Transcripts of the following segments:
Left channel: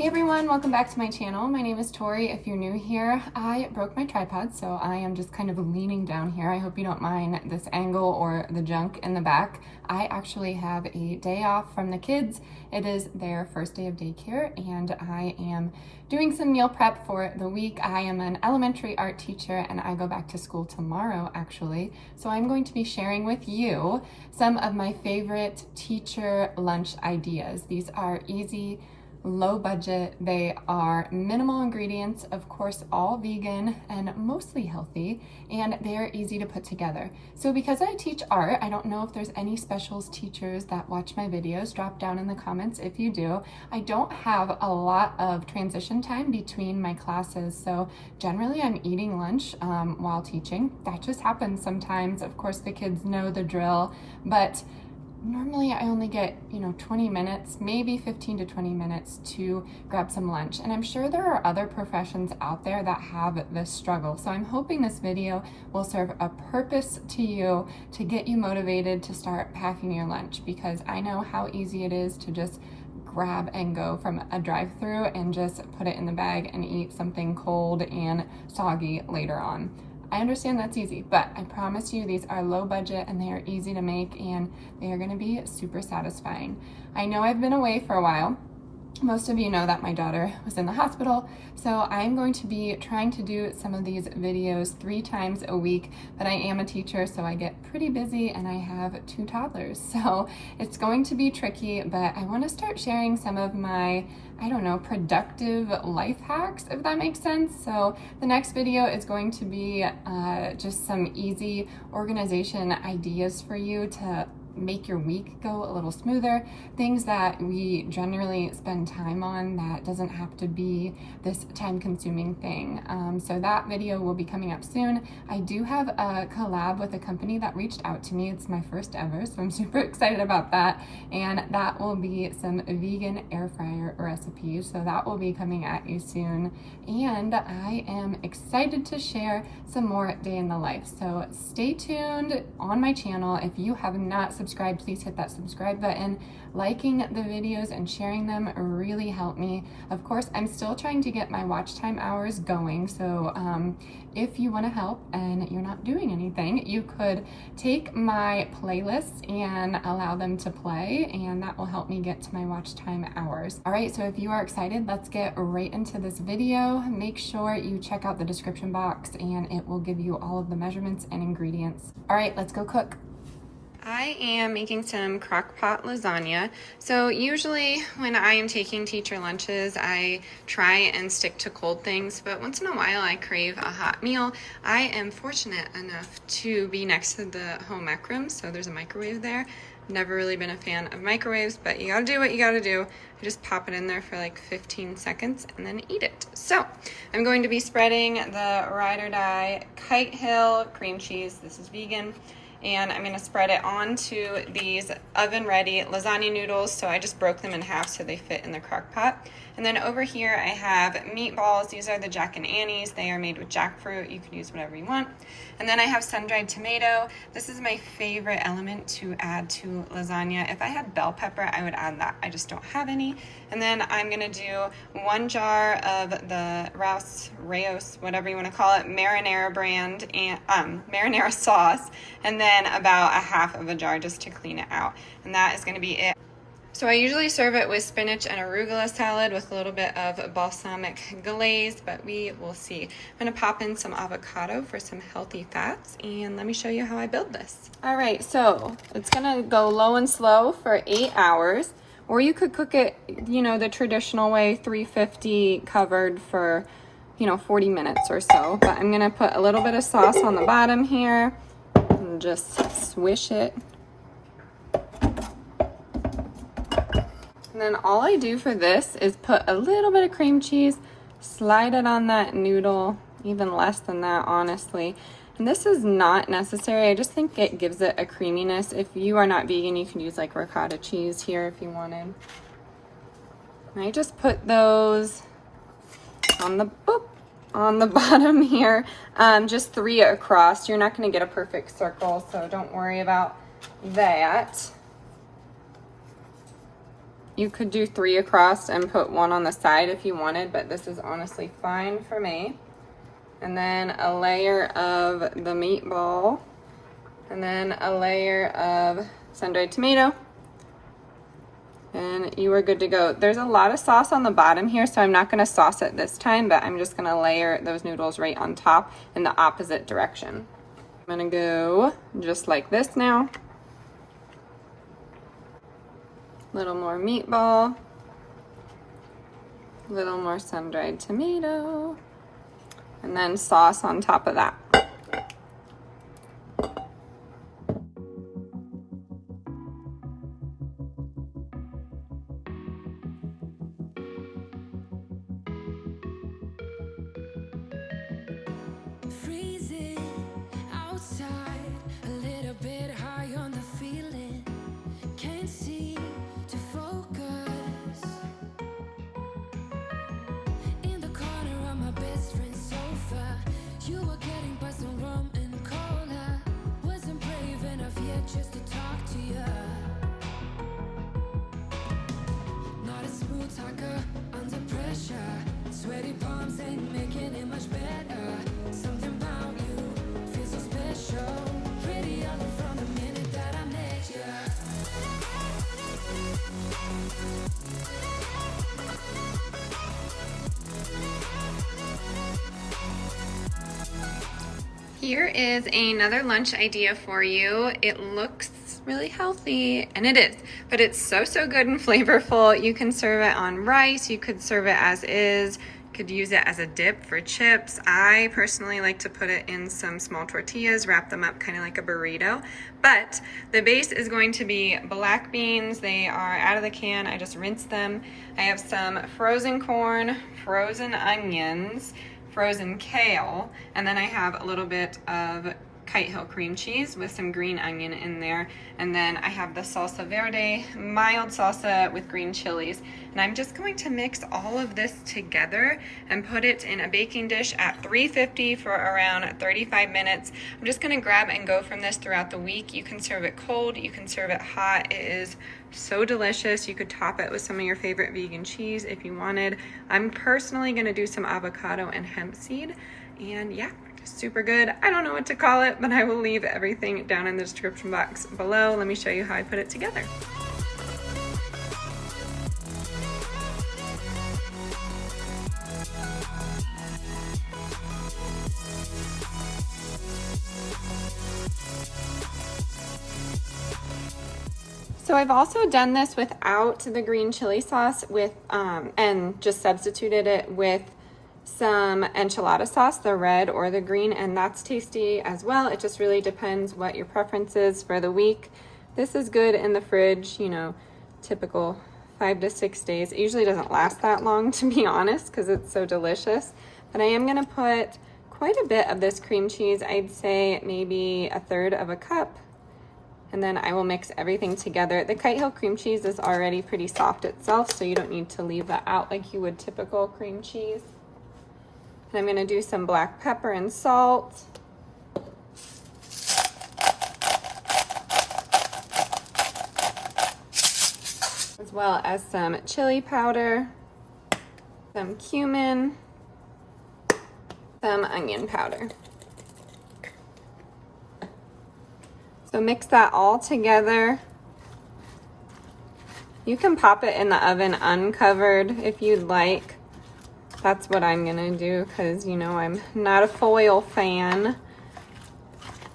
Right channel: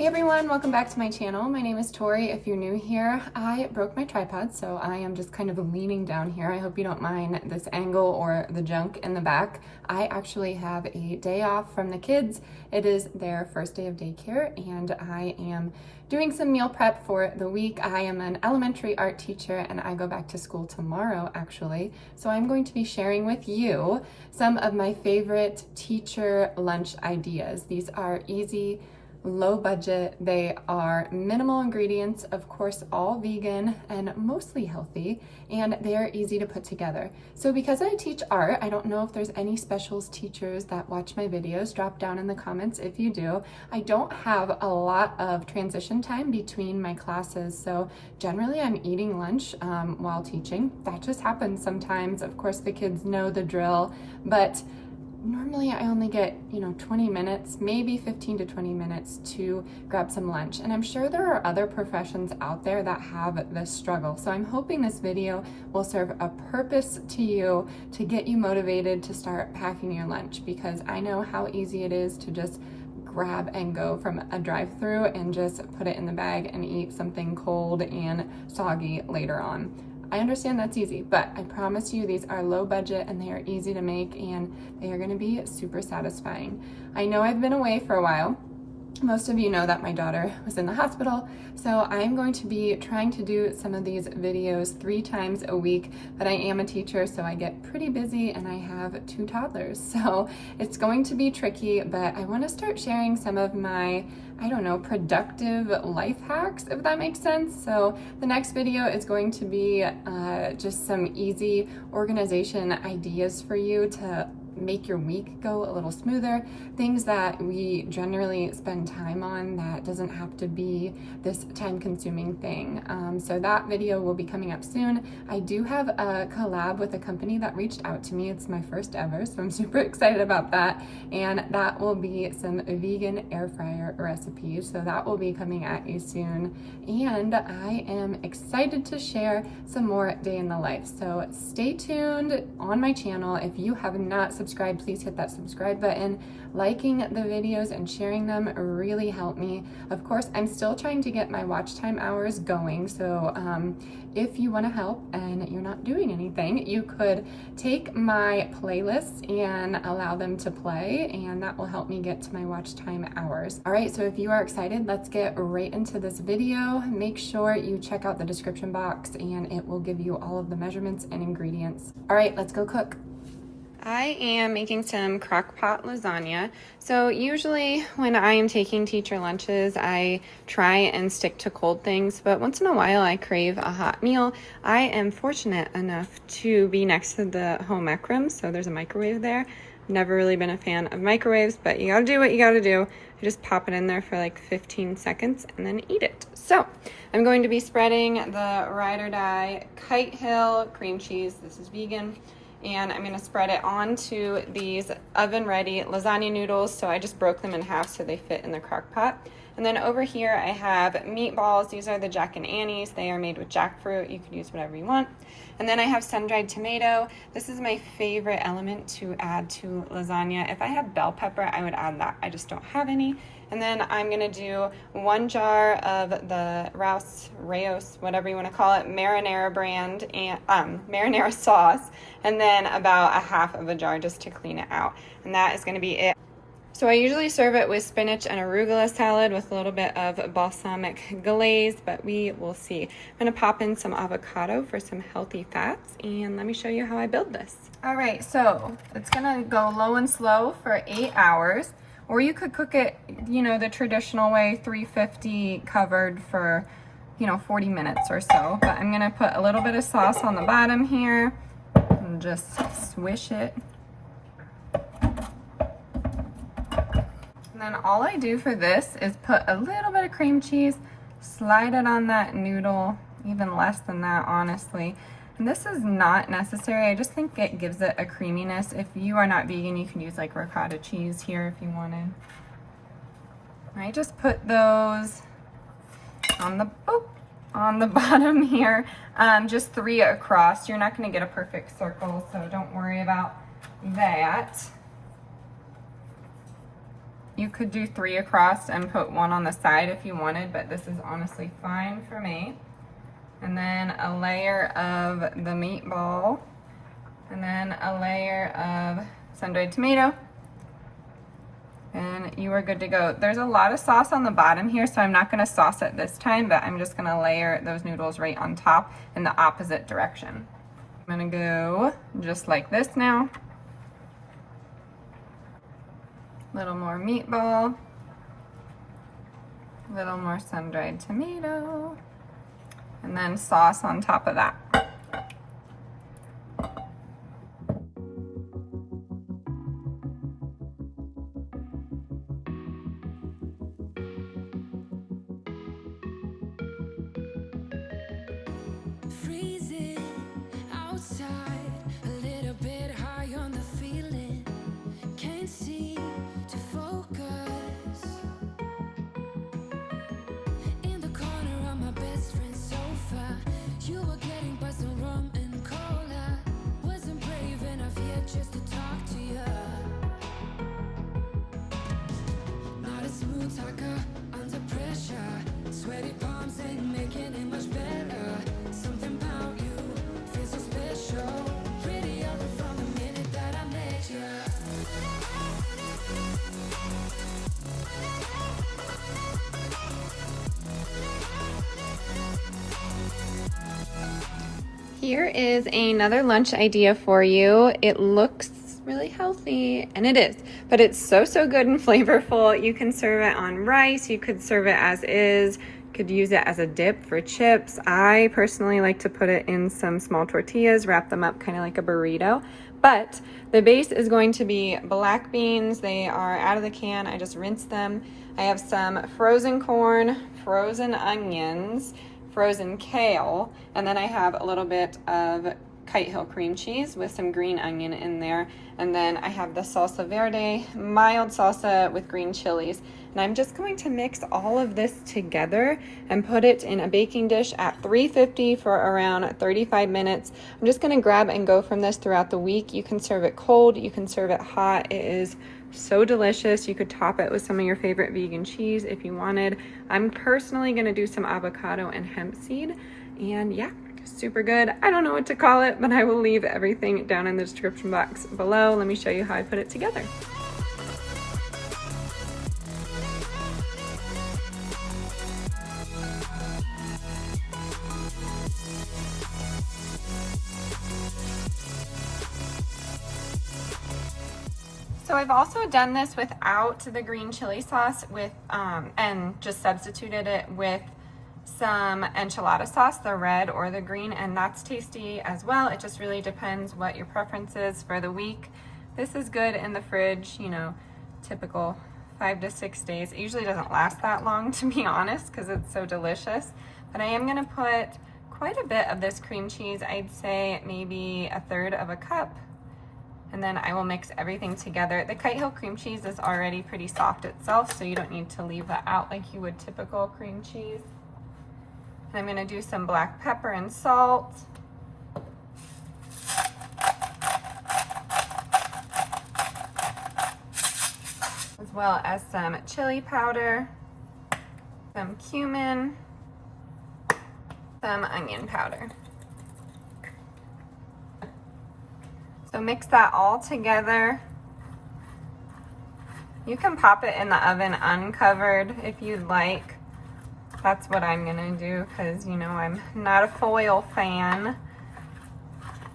Hey everyone, welcome back to my channel. My name is Tori. If you're new here, I broke my tripod, so I am just kind of leaning down here. I hope you don't mind this angle or the junk in the back. I actually have a day off from the kids. It is their first day of daycare, and I am doing some meal prep for the week. I am an elementary art teacher, and I go back to school tomorrow, actually. So I'm going to be sharing with you some of my favorite teacher lunch ideas. These are easy, low budget. They are minimal ingredients, of course, all vegan and mostly healthy, and they are easy to put together. So because I teach art, I don't know if there's any specials teachers that watch my videos. Drop down in the comments if you do. I don't have a lot of transition time between my classes, so generally I'm eating lunch while teaching. That just happens sometimes. Of course, the kids know the drill, but normally I only get, 20 minutes, maybe 15 to 20 minutes to grab some lunch. And I'm sure there are other professions out there that have this struggle. So I'm hoping this video will serve a purpose to you to get you motivated to start packing your lunch, because I know how easy it is to just grab and go from a drive-through and just put it in the bag and eat something cold and soggy later on. I understand that's easy, but I promise you these are low budget and they are easy to make, and they are going to be super satisfying. I know I've been away for a while. Most of you know that my daughter was in the hospital, so I'm going to be trying to do some of these videos 3 times a week, but I am a teacher, so I get pretty busy and I have 2 toddlers, so it's going to be tricky, but I want to start sharing some of my, productive life hacks, if that makes sense. So the next video is going to be just some easy organization ideas for you to make your week go a little smoother, things that we generally spend time on that doesn't have to be this time-consuming thing. So that video will be coming up soon. I do have a collab with a company that reached out to me. It's my first ever, so I'm super excited about that, and that will be some vegan air fryer recipes, so that will be coming at you soon. And I am excited to share some more day in the life, so stay tuned on my channel. If you have not subscribed, please hit that subscribe button. Liking the videos and sharing them really help me. Of course, I'm still trying to get my watch time hours going, so if you want to help and you're not doing anything, you could take my playlists and allow them to play, and that will help me get to my watch time hours. All right, so if you are excited, let's get right into this video. Make sure you check out the description box and it will give you all of the measurements and ingredients. All right, let's go cook. I am making some Crockpot Lasagna. So usually when I am taking teacher lunches, I try and stick to cold things, but once in a while I crave a hot meal. I am fortunate enough to be next to the home ec room, so there's a microwave there. Never really been a fan of microwaves, but you gotta do what you gotta do. I just pop it in there for like 15 seconds and then eat it. So I'm going to be spreading the Ride or Die Kite Hill cream cheese. This is vegan. And I'm going to spread it onto these oven-ready lasagna noodles. So I just broke them in half so they fit in the crock pot. And then over here I have meatballs. These are the Jack and Annie's. They are made with jackfruit. You can use whatever you want. And then I have sun-dried tomato. This is my favorite element to add to lasagna. If I had bell pepper, I would add that. I just don't have any. And then I'm going to do 1 jar of the Rayos, whatever you want to call it, marinara brand, and marinara sauce, and then about a half of a jar just to clean it out. And that is going to be it. So I usually serve it with spinach and arugula salad with a little bit of balsamic glaze, but we will see. I'm going to pop in some avocado for some healthy fats, and let me show you how I build this. All right, so it's going to go low and slow for 8 hours, or you could cook it, the traditional way, 350 covered for, 40 minutes or so. But I'm going to put a little bit of sauce on the bottom here and just swish it. And then all I do for this is put a little bit of cream cheese, slide it on that noodle, even less than that, honestly. And this is not necessary. I just think it gives it a creaminess. If you are not vegan, you can use like ricotta cheese here if you wanted. And I just put those on the bottom here, just 3 across. You're not going to get a perfect circle, so don't worry about that. You could do 3 across and put 1 on the side if you wanted, but this is honestly fine for me. And then a layer of the meatball, and then a layer of sun-dried tomato, and you are good to go. There's a lot of sauce on the bottom here, so I'm not gonna sauce it this time, but I'm just gonna layer those noodles right on top in the opposite direction. I'm gonna go just like this now. A little more meatball, a little more sun-dried tomato, and then sauce on top of that. Freezing outside, a little bit high on the feeling. Can't seem to focus. In the corner of my best friend's sofa, you were getting buzzed on rum and cola. Wasn't brave enough yet just to talk to you. Not a smooth talker under pressure. Sweaty palms ain't making it much better. Something about you feels so special. Pretty over from the minute that I met you. Here is another lunch idea for you. It looks really healthy, and it is, but it's so good and flavorful. You can serve it on rice, you could serve it as is, you could use it as a dip for chips. I personally like to put it in some small tortillas, wrap them up kind of like a burrito. But the base is going to be black beans. They are out of the can. I just rinsed them. I have some frozen corn, frozen onions, frozen kale, and then I have a little bit of Kite Hill cream cheese with some green onion in there. And then I have the salsa verde, mild salsa with green chilies. And I'm just going to mix all of this together and put it in a baking dish at 350 for around 35 minutes. I'm just gonna grab and go from this throughout the week. You can serve it cold, you can serve it hot. It is so delicious. You could top it with some of your favorite vegan cheese if you wanted. I'm personally gonna do some avocado and hemp seed. And yeah, super good. I don't know what to call it, but I will leave everything down in the description box below. Let me show you how I put it together. So I've also done this without the green chili sauce and just substituted it with some enchilada sauce, the red or the green, and that's tasty as well. It just really depends what your preference is for the week. This is good in the fridge, you know, typical 5 to 6 days. It usually doesn't last that long, to be honest, because it's so delicious. But I am gonna put quite a bit of this cream cheese. I'd say maybe 1/3 of a cup. And then I will mix everything together. The Kite Hill cream cheese is already pretty soft itself, so you don't need to leave that out like you would typical cream cheese. And I'm gonna do some black pepper and salt. As well as some chili powder, some cumin, some onion powder. So mix that all together. You can pop it in the oven uncovered if you'd like. That's what I'm gonna do because, you know, I'm not a foil fan.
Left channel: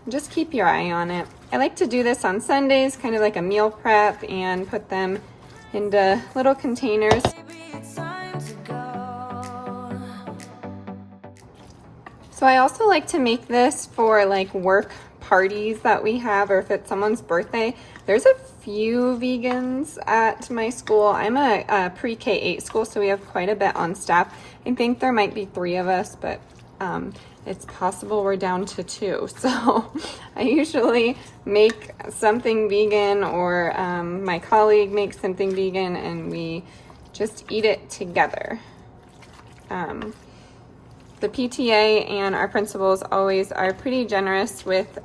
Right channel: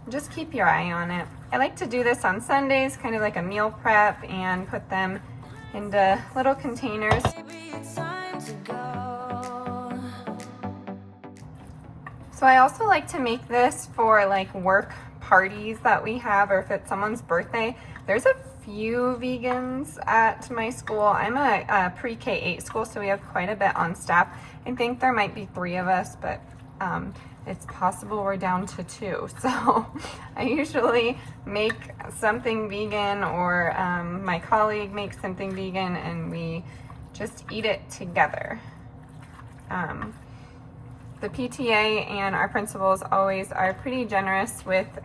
Just keep your eye on it. I like to do this on Sundays, kind of like a meal prep, and put them into little containers. So I also like to make this for like work parties that we have, or if it's someone's birthday. There's a few vegans at my school. I'm a pre-K-8 school, so we have quite a bit on staff. I think there might be 3 of us, but it's possible we're down to 2. So I usually make something vegan, or my colleague makes something vegan, and we just eat it together. The PTA and our principals always are pretty generous with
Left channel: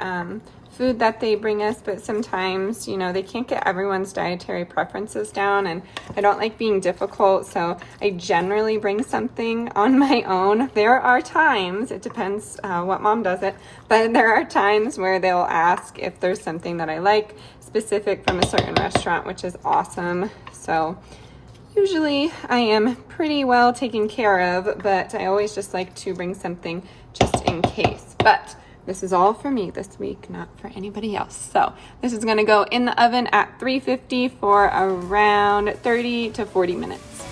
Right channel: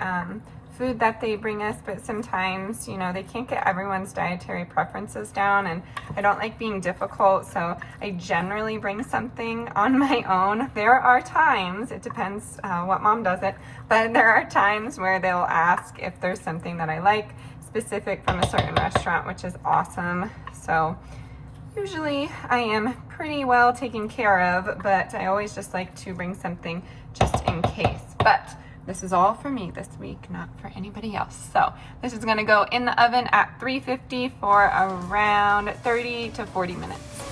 food that they bring us, but sometimes, you know, they can't get everyone's dietary preferences down, and I don't like being difficult, so I generally bring something on my own. There are times, it depends what mom does it, but there are times where they'll ask if there's something that I like specific from a certain restaurant, which is awesome. So usually I am pretty well taken care of, but I always just like to bring something just in case. But this is all for me this week, not for anybody else. So this is gonna go in the oven at 350 for around 30 to 40 minutes.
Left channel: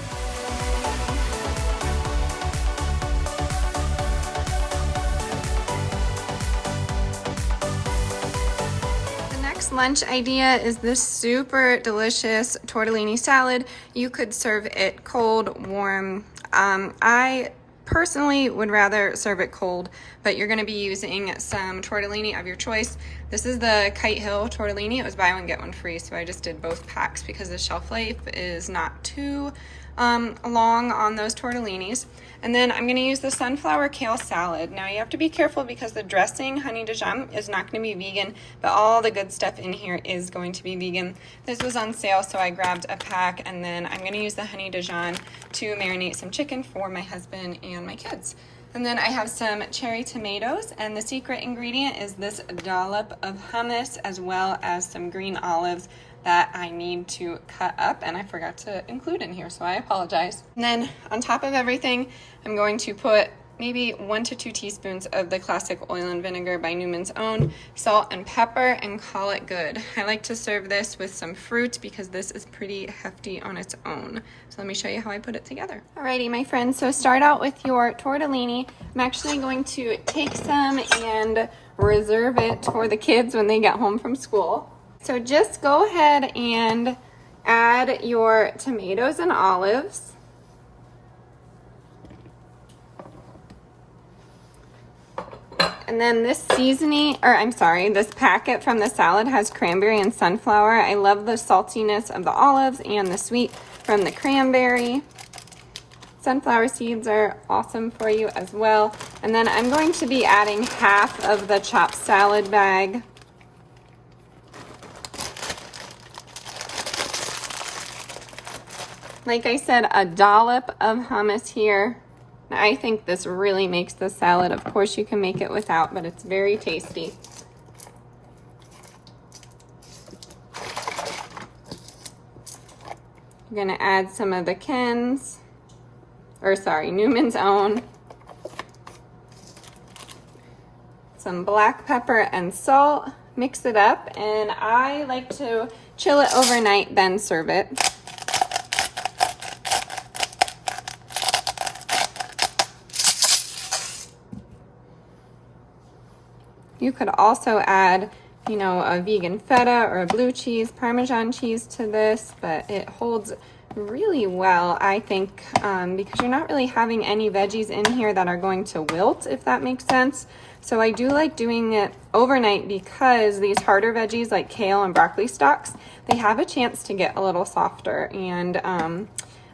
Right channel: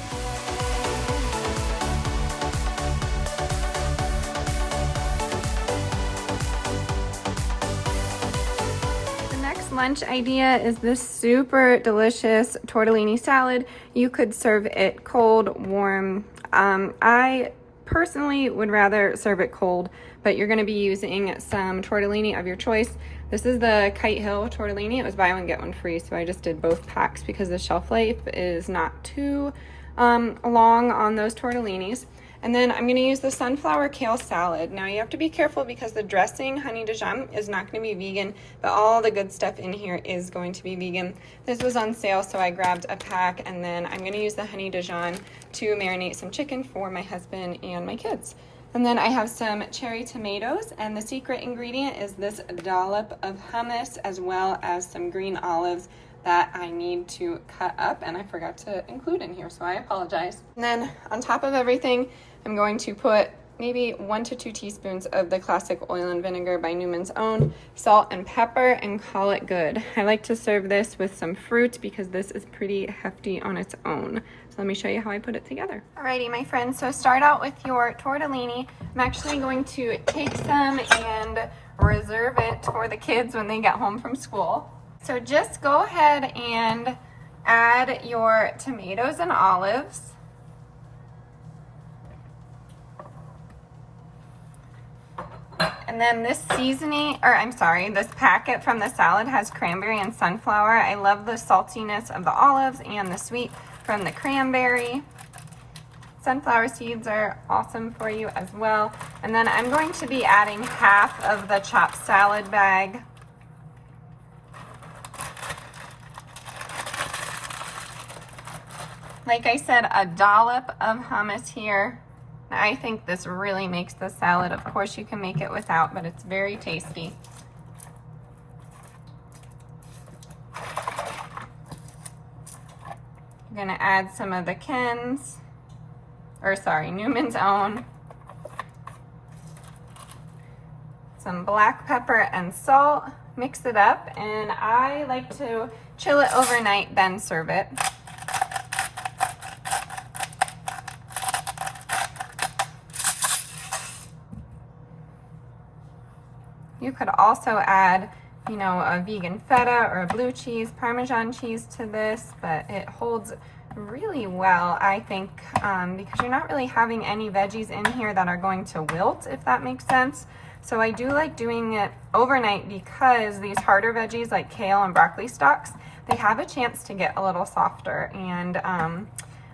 Lunch idea is this super delicious tortellini salad. You could serve it cold, warm. I personally would rather serve it cold, but you're going to be using some tortellini of your choice. This is the Kite Hill tortellini. It was buy one get one free, so I just did both packs because the shelf life is not too long on those tortellinis. And then I'm going to use the sunflower kale salad. Now you have to be careful because the dressing, honey Dijon, is not going to be vegan, but all the good stuff in here is going to be vegan. This was on sale, so I grabbed a pack, and then I'm going to use the honey Dijon to marinate some chicken for my husband and my kids. And then I have some cherry tomatoes, and the secret ingredient is this dollop of hummus as well as some green olives that I need to cut up, and I forgot to include in here, so I apologize. And then on top of everything, I'm going to put maybe 1 to 2 teaspoons of the classic oil and vinegar by Newman's Own, salt and pepper, and call it good. I like to serve this with some fruit because this is pretty hefty on its own. So let me show you how I put it together. Alrighty, my friends, so start out with your tortellini. I'm actually going to take some and reserve it for the kids when they get home from school. So just go ahead and add your tomatoes and olives. And then this this packet from the salad has cranberry and sunflower. I love the saltiness of the olives and the sweet from the cranberry. Sunflower seeds are awesome for you as well. And then I'm going to be adding half of the chopped salad bag. Like I said, a dollop of hummus here. I think this really makes the salad. Of course, you can make it without, but it's very tasty. You're gonna add some of the Newman's Own. Some black pepper and salt. Mix it up, and I like to chill it overnight, then serve it. You could also add, you know, a vegan feta or a blue cheese, Parmesan cheese to this, but it holds really well, I think, because you're not really having any veggies in here that are going to wilt, if that makes sense. So I do like doing it overnight because these harder veggies like kale and broccoli stalks, they have a chance to get a little softer, and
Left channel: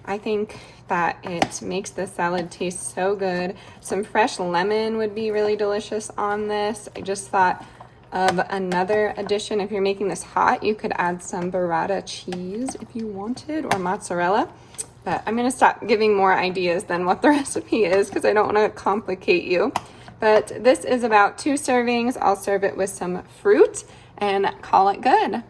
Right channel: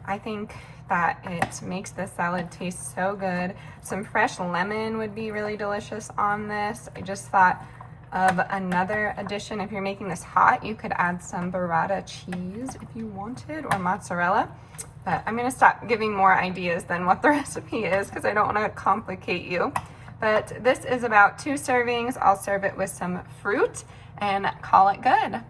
I think that it makes the salad taste so good. Some fresh lemon would be really delicious on this. I just thought of another addition. If you're making this hot, you could add some burrata cheese if you wanted, or mozzarella. But I'm gonna stop giving more ideas than what the recipe is because I don't wanna complicate you. But this is about 2 servings. I'll serve it with some fruit and call it good.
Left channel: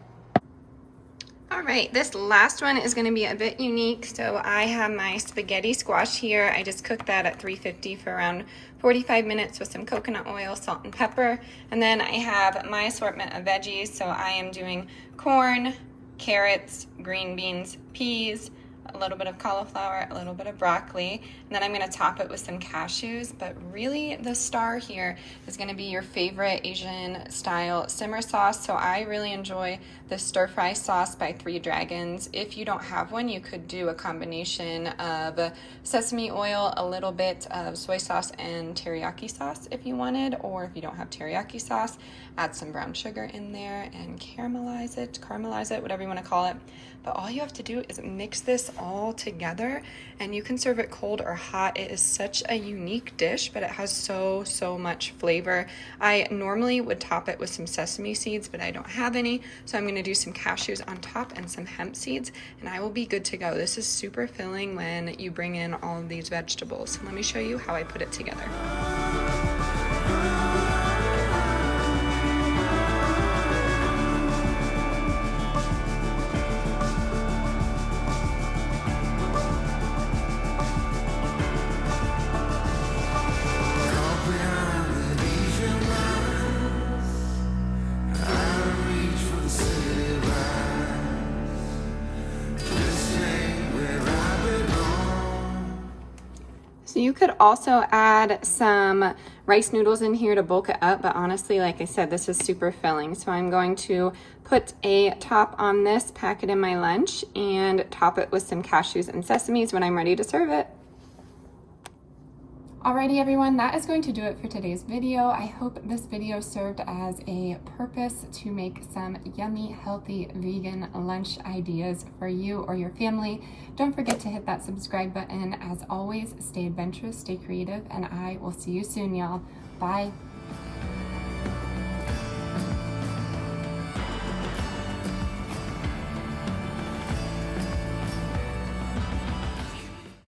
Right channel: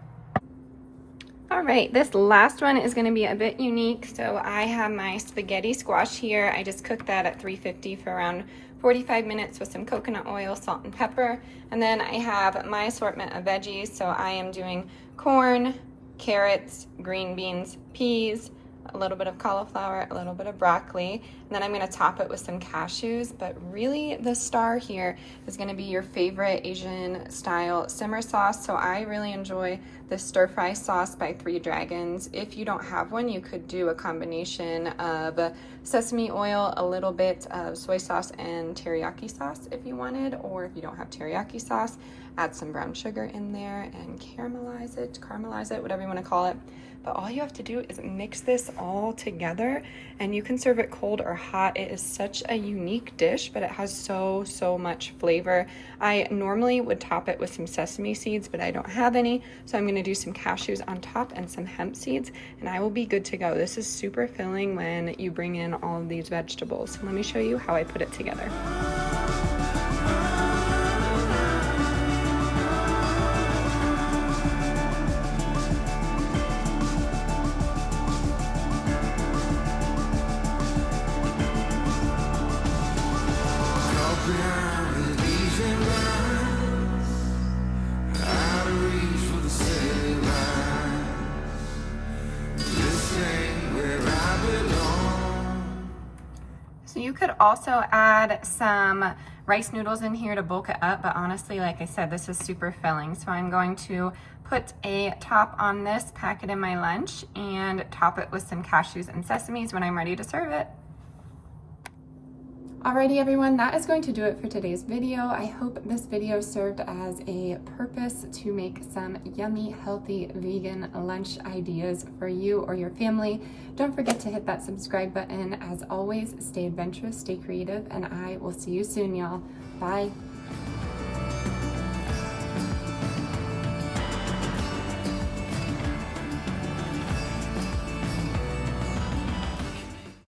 All right, this last one is going to be a bit unique. So I have my spaghetti squash here. I just cooked that at 350 for around 45 minutes with some coconut oil, salt, and pepper. And then I have my assortment of veggies. So I am doing corn, carrots, green beans, peas, a little bit of cauliflower, a little bit of broccoli, and then I'm going to top it with some cashews. But really the star here is going to be your favorite Asian style simmer sauce. So I really enjoy the stir fry sauce by 3 Dragons. If you don't have one, you could do a combination of sesame oil, a little bit of soy sauce, and teriyaki sauce if you wanted, or if you don't have teriyaki sauce, add some brown sugar in there and caramelize it, whatever you want to call it. But all you have to do is mix this all together, and you can serve it cold or hot. It is such a unique dish, but it has so much flavor. I normally would top it with some sesame seeds, but I don't have any, so I'm going to do some cashews on top and some hemp seeds, and I will be good to go. This is super filling when you bring in all of these vegetables. Let me show you how I put it together. So you could also add some rice noodles in here to bulk it up, but honestly, like I said, this is super filling. So I'm going to put a top on this, pack it in my lunch, and top it with some cashews and sesames when I'm ready to serve it. Alrighty everyone, that is going to do it for today's video. I hope this video served as a purpose to make some yummy, healthy, vegan lunch ideas for you or your family. Don't forget to hit that subscribe button. As always, stay adventurous, stay creative, and I will see you soon, y'all. Bye.